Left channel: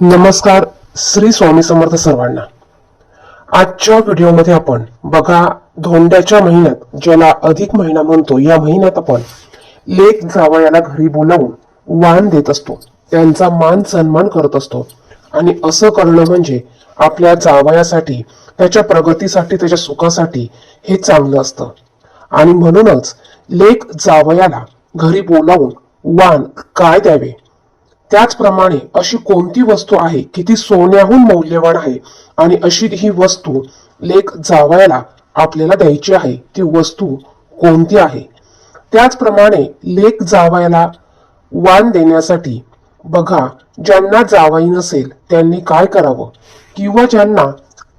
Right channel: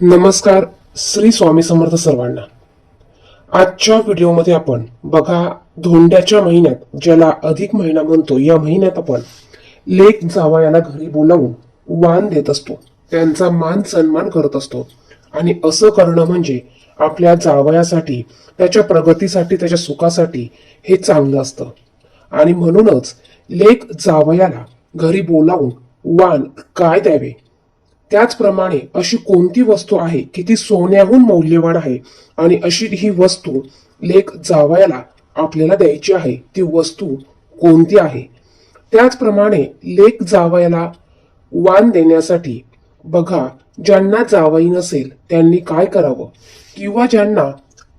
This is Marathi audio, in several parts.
नमस्कार. श्री स्वामी समर्थ सर्वांना. आजच्या व्हिडिओमध्ये आपण बघा, धोंड्याच्या महिन्यात ज्याला अधिक महिना म्हणतो, या महिन्यात आपण लेक जावयाला घरी बोलावून वाण देत असतो, त्यांचा मान सन्मान करत असतो. आणि असं करणं म्हणजे आपल्या जावयासाठी, त्याच्या प्रगतीसाठी, त्याच्या सुखासाठी हे चांगलं असतं. आणि म्हणूनच लेक जावयाला घरी बोलावून वाण काय द्यावे, त्याचप्रमाणे अशी कोणती वस्तू आहे की ती सोन्याहून मौल्यवान आहे आणि अशी ही वस्तू लेक जावयाला आपल्याला द्यायची आहे, ती वस्तू कोणती आहे. त्याचप्रमाणे लेक जावयाला वाण देण्यासाठी बघा, ज्यांना जावई नसेल त्यांनी काय करावं, किंवा ज्यांना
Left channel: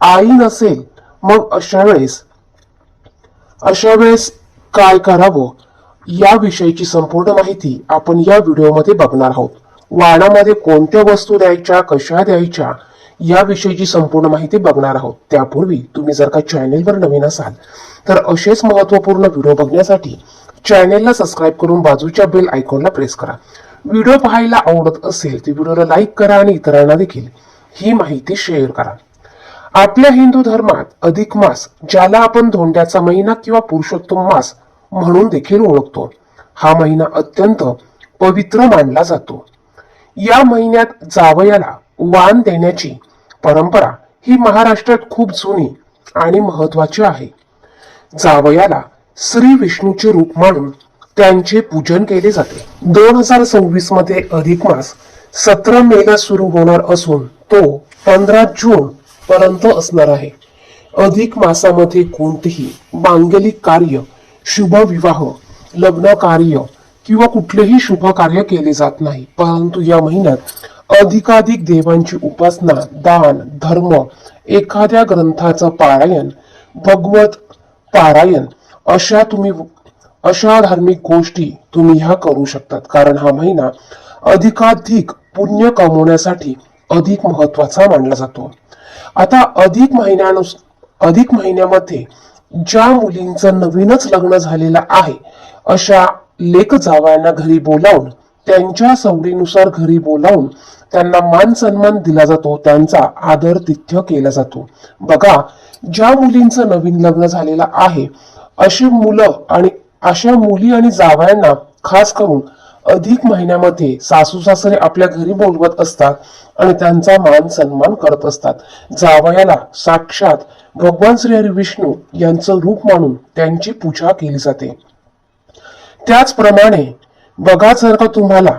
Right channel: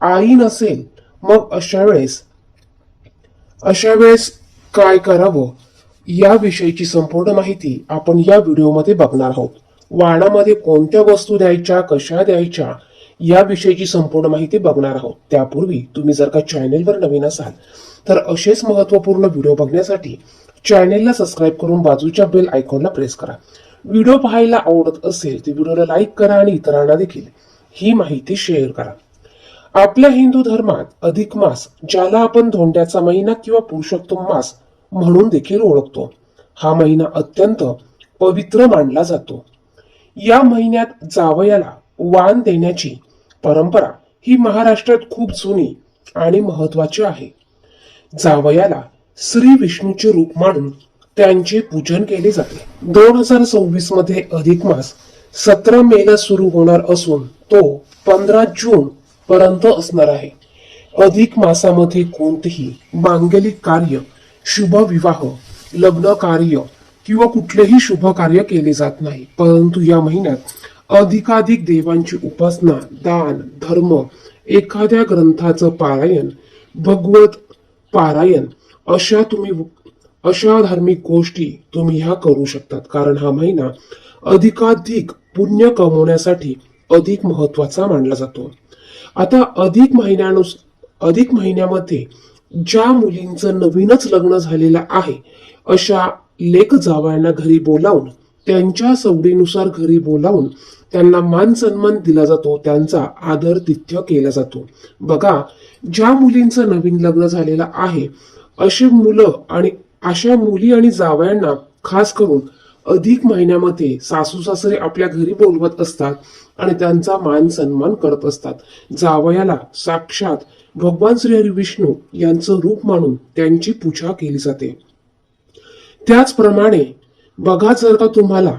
आई नसेल मग अशा वेळेस काय करावं, याविषयीची संपूर्ण माहिती आपण या व्हिडिओमध्ये बघणार आहोत. वाणामध्ये कोणत्या वस्तू द्यायच्या, कशा द्यायच्या, याविषयीची संपूर्ण माहिती बघणार आहोत. त्यापूर्वी तुम्ही जर का चॅनेलवर नवीन असाल तर असेच महत्वपूर्ण व्हिडिओ बघण्यासाठी चॅनेलला सबस्क्राईब करून बाजूच्या बेल आयकॉनला प्रेस करा. व्हिडिओ पाहायला आवडत असेल तर व्हिडिओला लाईक करा आणि इतरांना देखील ही माहिती शेअर करा. आपल्या हिंदू धर्मात अधिक मास, ज्याला आपण धोंड्याचा महिना किंवा पुरुषोत्तम मास म्हणून देखील ओळखतो, हा महिना अत्यंत पवित्र मानला जातो. या महिन्यात जावयाला वाण देण्याची परंपरा ही महाराष्ट्रात खूप जुनी आणि महत्वाची आहे. जावयाला श्री विष्णूचे रूप मानून त्यांचे पूजन केले जाते. 2026 मध्ये अधिक मास 17 मेला सुरू होणार असून तो 15 जून पर्यंत असणार आहे. अधिक मासामध्ये कोणतेही मांगलिक कार्य, शुभ विवाह, लग्न कार्य किंवा कुठलेही शुभ कार्य केले जात नाही. परंतु या महिन्यात अधिकाधिक देवांची उपासना, दान, धर्म, एखाद्या ग्रंथाचं पारायण, भगवत पारायण, अशा धार्मिक गोष्टी तुम्ही ह्या करू शकतात. कारण हा महिना अधिकाधिक पुण्य कमवण्यासाठी अधिक महत्वाचा मानला जातो. आता अधिक महिन्यामध्ये ज्या मुलींचं नवीनच लग्न झालेलं आहे, अशा लेक जावयांना घरी बोलावून, त्यांच्या सवडीनुसार घरी बोलावून त्यांना मान सन्मान दिला जातो, त्यांचा आदर तिथ्य केला जातो. बघा, ज्या मुलींचं नवीन लग्न झालेलं आहे, अशा मुली आणि जावयांना खास करून अधिक महिन्यामध्ये सासू सासरे आपल्या घरी बोलवत असतात आणि त्यांचा मान सन्मान करत असतात. जावयाला साक्षात भगवान श्री हरी विष्णू यांचं रूप मानून त्यांची पूजा केली जाते. त्याचप्रमाणे बघा, जर का तुम्हाला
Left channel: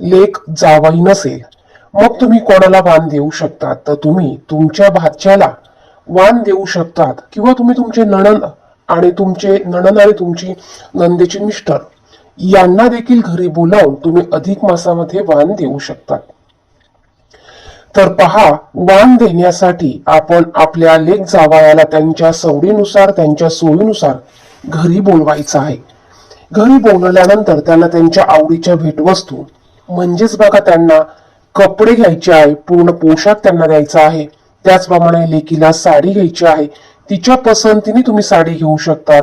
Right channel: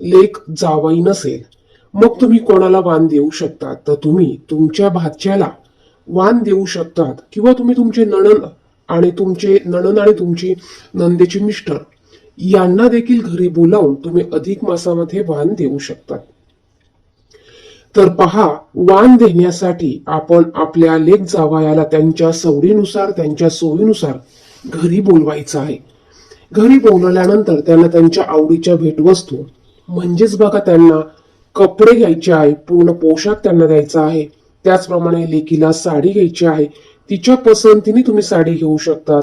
लेक जावई नसेल मग तुम्ही कोणाला वाण देऊ शकतात, तर तुम्ही तुमच्या भाच्याला वाण देऊ शकतात, किंवा तुम्ही तुमचे नणंद आणि तुमची नंदेचे मिस्टर यांना देखील घरी बोलावून तुम्ही अधिक मासामध्ये वाण देऊ शकतात. तर पहा, वाण देण्यासाठी आपण आपल्या लेक जावयाला त्यांच्या सवडीनुसार, त्यांच्या सोयीनुसार घरी बोलवायचं आहे. घरी बोलवल्यानंतर त्यांना त्यांच्या आवडीच्या भेटवस्तू, म्हणजेच बघा, त्यांना कपडे घ्यायचे आहे, पूर्ण पोशाख त्यांना द्यायचा आहे. त्याचप्रमाणे लेकीला साडी घ्यायची आहे, तिच्या पसंतीने तुम्ही साडी घेऊ शकता.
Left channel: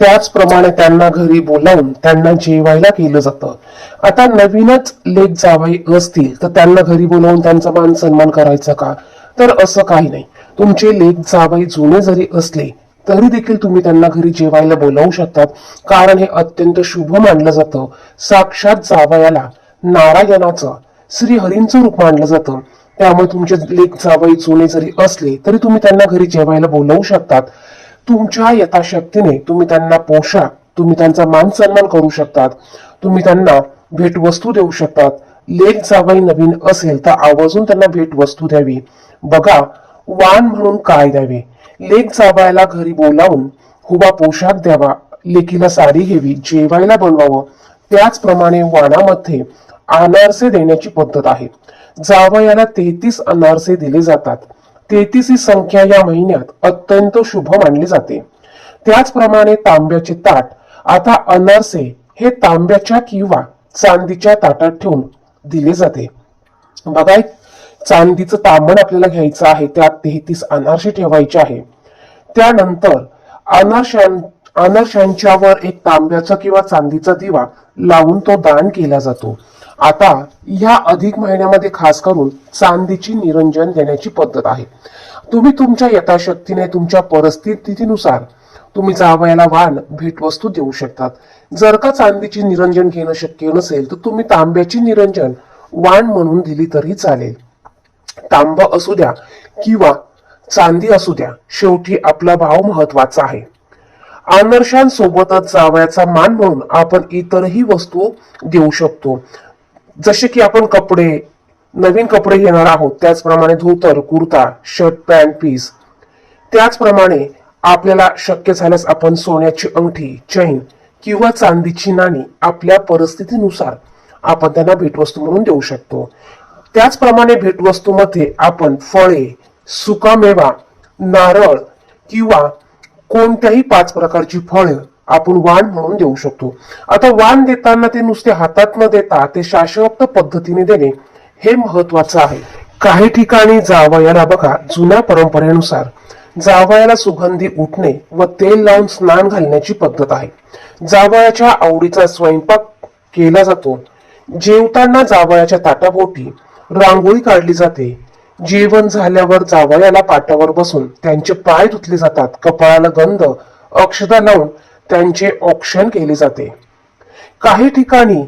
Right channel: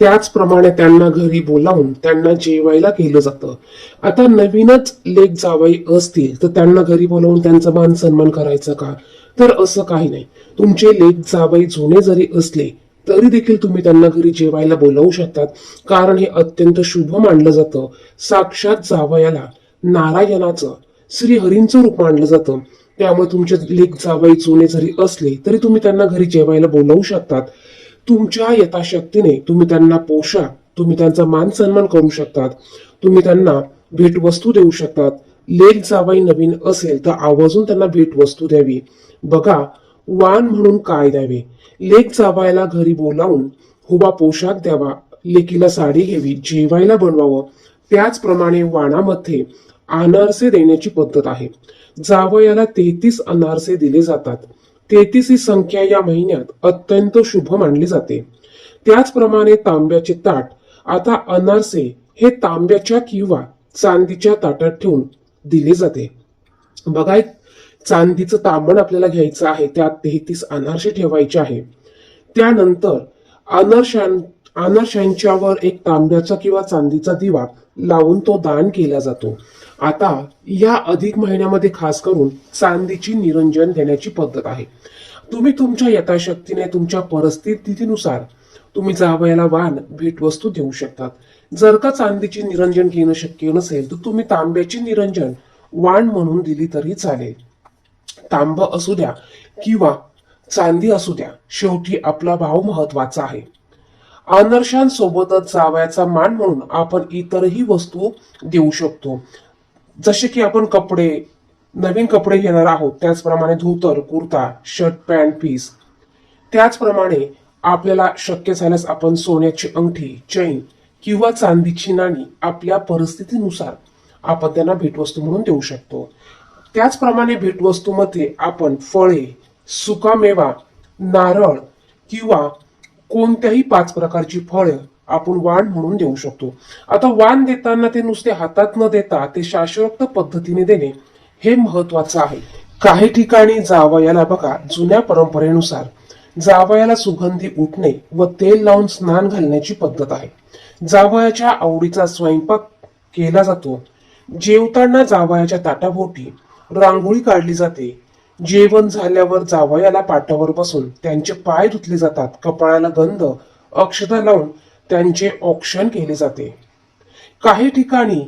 त्याचप्रमाणे त्यांना घरी बोलावून त्यांना जेवायला केलं जातं. आता नवीनच लेक जावई असतील तर त्यांना घरी बोलावून त्यांचा मान सन्मान करायचा का, तर असं काही नाही. तुमचे लेक जावई जुने जरी असले तरी देखील तुम्ही त्यांना घरी जेवायला बोलावू शकतात, कारण हे अत्यंत शुभ मानलं जातं. साक्षात जावयाला नारायणाचं, श्री हरींचं रूप मानलं जातं. त्यामुळे तुमचे लेक जावई जुने जरी असले तरी तुम्ही त्यांना घरी जेवायला बोलावू शकतात. तुमच्या यथाशक्तीने तुम्ही त्यांना पोशाख, तुम्ही त्यांचा मान सन्मान करू शकतात, तुम्ही त्यांना भेटवस्तू देऊ शकतात. लेक जावई नवीन असेल तर आवर्जून त्यांना भेटवस्तू द्यावी. बघा, वाण म्हणून काय द्यावे, लेक जावयाला घरी बोलावून हुबा पोशाख द्यावा, लेकीला साडी घ्यावी, जेवायला बनवावं. त्याचप्रमाणे वाणामध्ये अनारसे देण्याची पद्धत आहे. जावयाला 33 अनारसे दिले जातात. 33 ही संख्या या महिन्यात अत्यंत शुभ मानली जाते. त्याचप्रमाणे तांब्याचे ताट, आता अनारसे हे तांब्याच्या किंवा चांदीच्या ताटात ठेवून दिले जाते. बघा, चांदीचं तांबण आपल्याला घ्यायचं आहे, त्यात 33 अनारसे ठेवायचे आहे. त्यानंतर अनारशांच्यावर एक तांब्याचा किंवा चांदीचा दिवा लावून तो दान केला जातो. आता या अधिक महिन्यामध्ये खास करून चांदीची निरंजन देण्याची पद्धत आहे. तुम्ही तुमच्या यथाशक्तीने तुमच्या परिस्थितीनुसार तुम्ही जावयाला वाण भेटवस्तू देऊ शकतात. जर का चांदीची निरंजन घेणं शक्य नसेल तर तुम्ही तांब्याची निरंजन वाण म्हणून दिली तरी चालेल. तांबा असू द्या किंवा चांदी असू द्या, शेवटी आपला भाव महत्वाचा आहे. आदर्शांसोबतच जावयाचा मान म्हणून आपण इतरही वस्तू देऊ शकतो. जसे की आपण कपडे, नवीन कपडे घेणार आहोत त्याचप्रमाणे धोतर, कुर्ता, शर्ट, पॅन्ट, पीस. त्याचप्रमाणे आपल्याला शक्य झाल्यास आपण सोन्याची अंगठी, चैन किंवा चांदीची नाणी आपल्या परिस्थितीनुसार आपण त्यांना भेटवस्तू म्हणून देऊ शकतो. त्याचप्रमाणे भेटवस्तूमध्ये आपण फळे, सुकामेवा, नारळ किंवा कोणत्याही 5 प्रकारची फळं आपण वाण म्हणून देऊ शकतो. आता वाण देताना ते नुसते हातात न देता ते शास्त्रोक्त पद्धतीने देणे हे महत्वाचं आहे. काही ठिकाणी जावयाला बघा, जुन्या परंपरेनुसार जावयाला सुगंधी उठणे व तेल लावून स्नान घालण्याची पद्धत आहे. जावयाच्या आवडीचा स्वयंपाक केला जातो. जेवताना जावयाच्या ताटाभोवती रांगोळी काढली जाते. जेवण झाल्यावर जावयाला पाटावर बसून त्यांचे पाय धुतले जातात. कपाळाला गंध, अक्षता लावून त्यांचे औक्षण केले जाते. काही ठिकाणी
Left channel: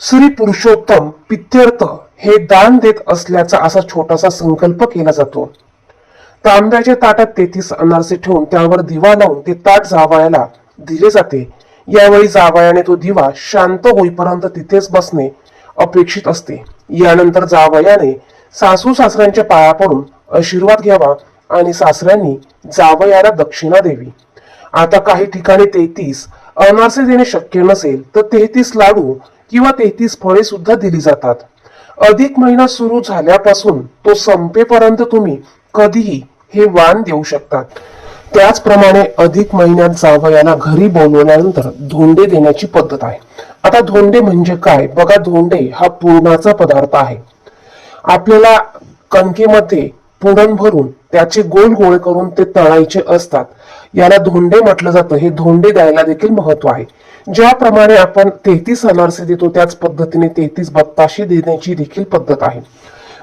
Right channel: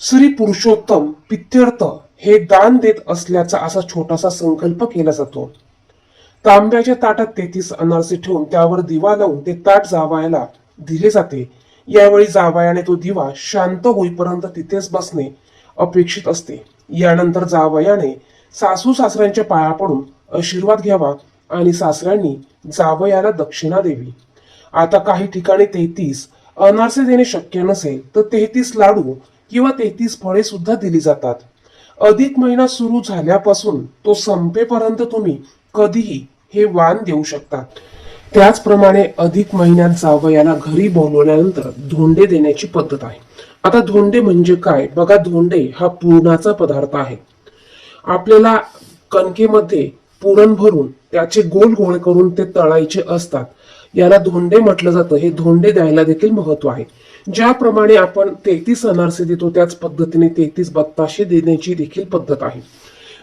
श्री पुरुषोत्तम पित्यर्थ हे दान देत असल्याचा असा छोटासा संकल्प केला जातो. तांब्याच्या ताटात 33 अनारसे ठेवून त्यावर दिवा लावून ते ताट जावयाला दिले जाते. यावेळी जावयाने तो दिवा शांत होईपर्यंत तिथेच बसणे अपेक्षित असते. यानंतर जावयाने सासू सासऱ्यांच्या पाया पडून आशीर्वाद घ्यावा आणि सासऱ्यांनी जावयाला दक्षिणा द्यावी. आता काही ठिकाणी 33 अनारसे देणे शक्य नसेल तर 33 लाडू किंवा 33 फळे सुद्धा दिली जातात. अधिक महिना सुरू झाल्यापासून तो संपेपर्यंत तुम्ही कधीही हे वाण देऊ शकतात. त्याचप्रमाणे अधिक महिन्यात जावयाला घरी बोलवल्यानंतर धोंडे देण्याची पद्धत आहे. आता धोंडे म्हणजे काय बघा, धोंडे हा पुरणाचा पदार्थ आहे. आपल्याला कणकेमध्ये पुरण भरून त्याचे गोल गोळे करून ते तळायचे असतात. याला धोंडे म्हटलं जातं. हे धोंडे द्यायला देखील महत्व आहे. ज्याप्रमाणे आपण 33 अनारसे देतो त्याच पद्धतीने 33 बत्ताशे देण्याची देखील पद्धत आहे.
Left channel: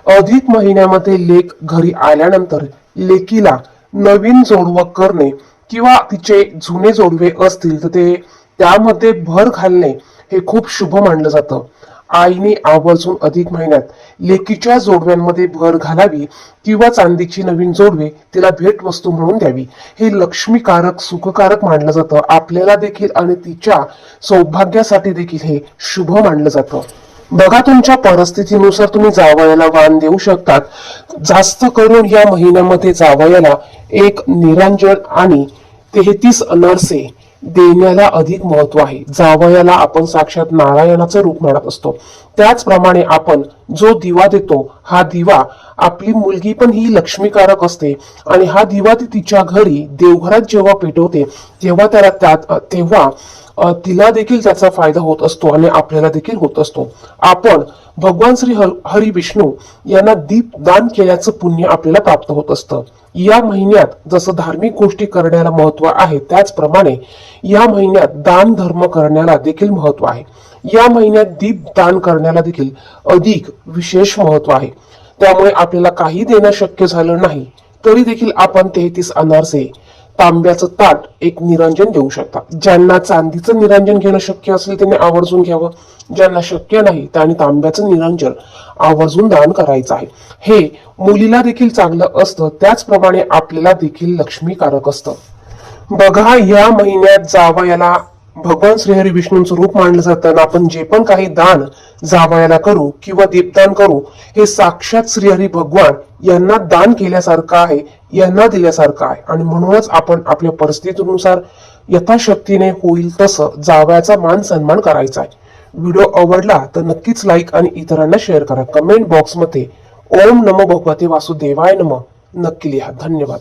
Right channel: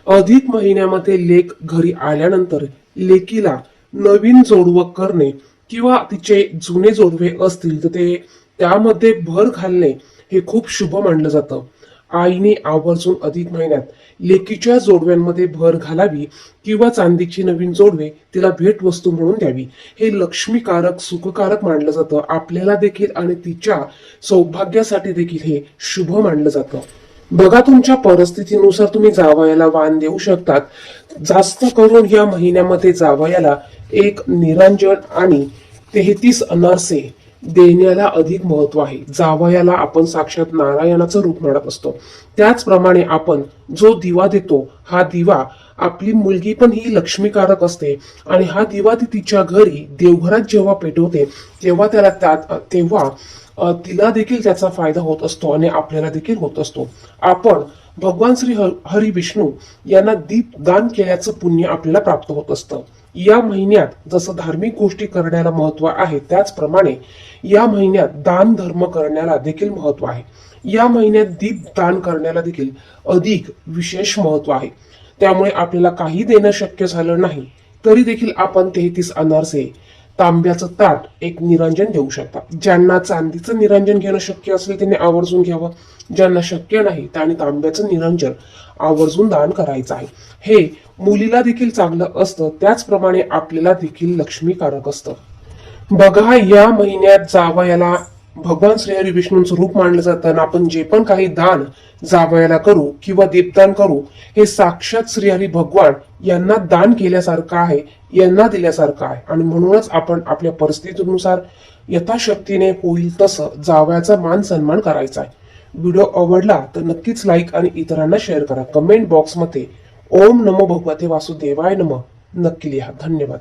अधिक महिन्यामध्ये लेक घरी आल्यानंतर लेकीला नवीन जोडवं करणे किंवा तिचे जुने जोडवे असतील तर ते त्यामध्ये भर घालणे हे खूप शुभ मानलं जातं. आईने आवर्जून अधिक महिन्यात लेकीच्या जोडव्यांमध्ये भर घालावी किंवा चांदीची नवीन जोडवे तिला भेटवस्तू म्हणून द्यावी. हे लक्ष्मीकारक, सुखकारक मानलं जातं. आपल्याला देखील आणि तिच्या सौभाग्यासाठी देखील हे शुभ मानलं जातं. बघा, तुमच्या परिस्थितीनुसार तुम्ही जावयाला वाण देऊ शकतात. जास्त करून या महिन्यामध्ये जावयाला एक निरंजन आणि 33 अनारसे देण्याला अधिक महत्व आहे. जावयाला आपण साक्षात नारायणाचं रूप मानत असतो. त्याचप्रमाणे आपण जो दिवा देतो हा दिवा, आपली मुलगी पण ही लक्ष्मीकारक असते आणि हा दिवा ती तिच्या घरी देवघरात जेव्हा पेटवते तेव्हा तिला देखील त्याचा फायदा होत असतो आणि आपल्याला देखील होत असतो. आपण भगवान श्री हरी विष्णू यांना दीप दान केल्याचं पुण्य आपल्याला प्राप्त होत असतं. या महिन्यात जसं धार्मिक गोष्टी करण्याला महत्व आहे त्याचप्रमाणे या महिन्यात दान धर्म करण्याला देखील महत्व आहे. या महिन्यात दीप दान करण्याला देखील अधिक विशेष महत्व आहे. त्यामुळे आपल्याला काही देणं शक्य झालं नाही तरी देखील आपण 33 अनारसे, तांब्याचं ताट, एक निरंजन देऊ शकता. ज्यांना चांदीचं निरंजन घेणं शक्य असेल त्यांनी आवर्जून घ्यावं. ज्यांना शक्य नाही त्यांनी तांब्याचं निरंजन आवर्जून दान करायचं आहे. हे मुलीला देखील चांगलं असतं, त्याचप्रमाणे आपल्याला देखील लक्ष्मीकारक असतं. बघा, या महिन्यात जावयाला भगवान श्रीहरी विष्णूंचं रूप मानलं जातं. आपण जे पण काही दान जावयाला करू किंवा दीपदान करू हे साक्षात श्रीहरी भगवान यांना दान केल्यासारखं आहे, यांना दिल्यासारखं आहे. आणि म्हणूनच आपण आपल्या परिस्थितीनुसार यथाशक्तीने होईल तसं जावयाचा मान सन्मान करायचा आहे. व्हिडिओ आवडला तर नक्कीच लाईक आणि इतरांना शेअर करा. कमेंट बॉक्समध्ये ओम नमो भगवते वासुदेवाय नमः नक्की लिहा. धन्यवाद.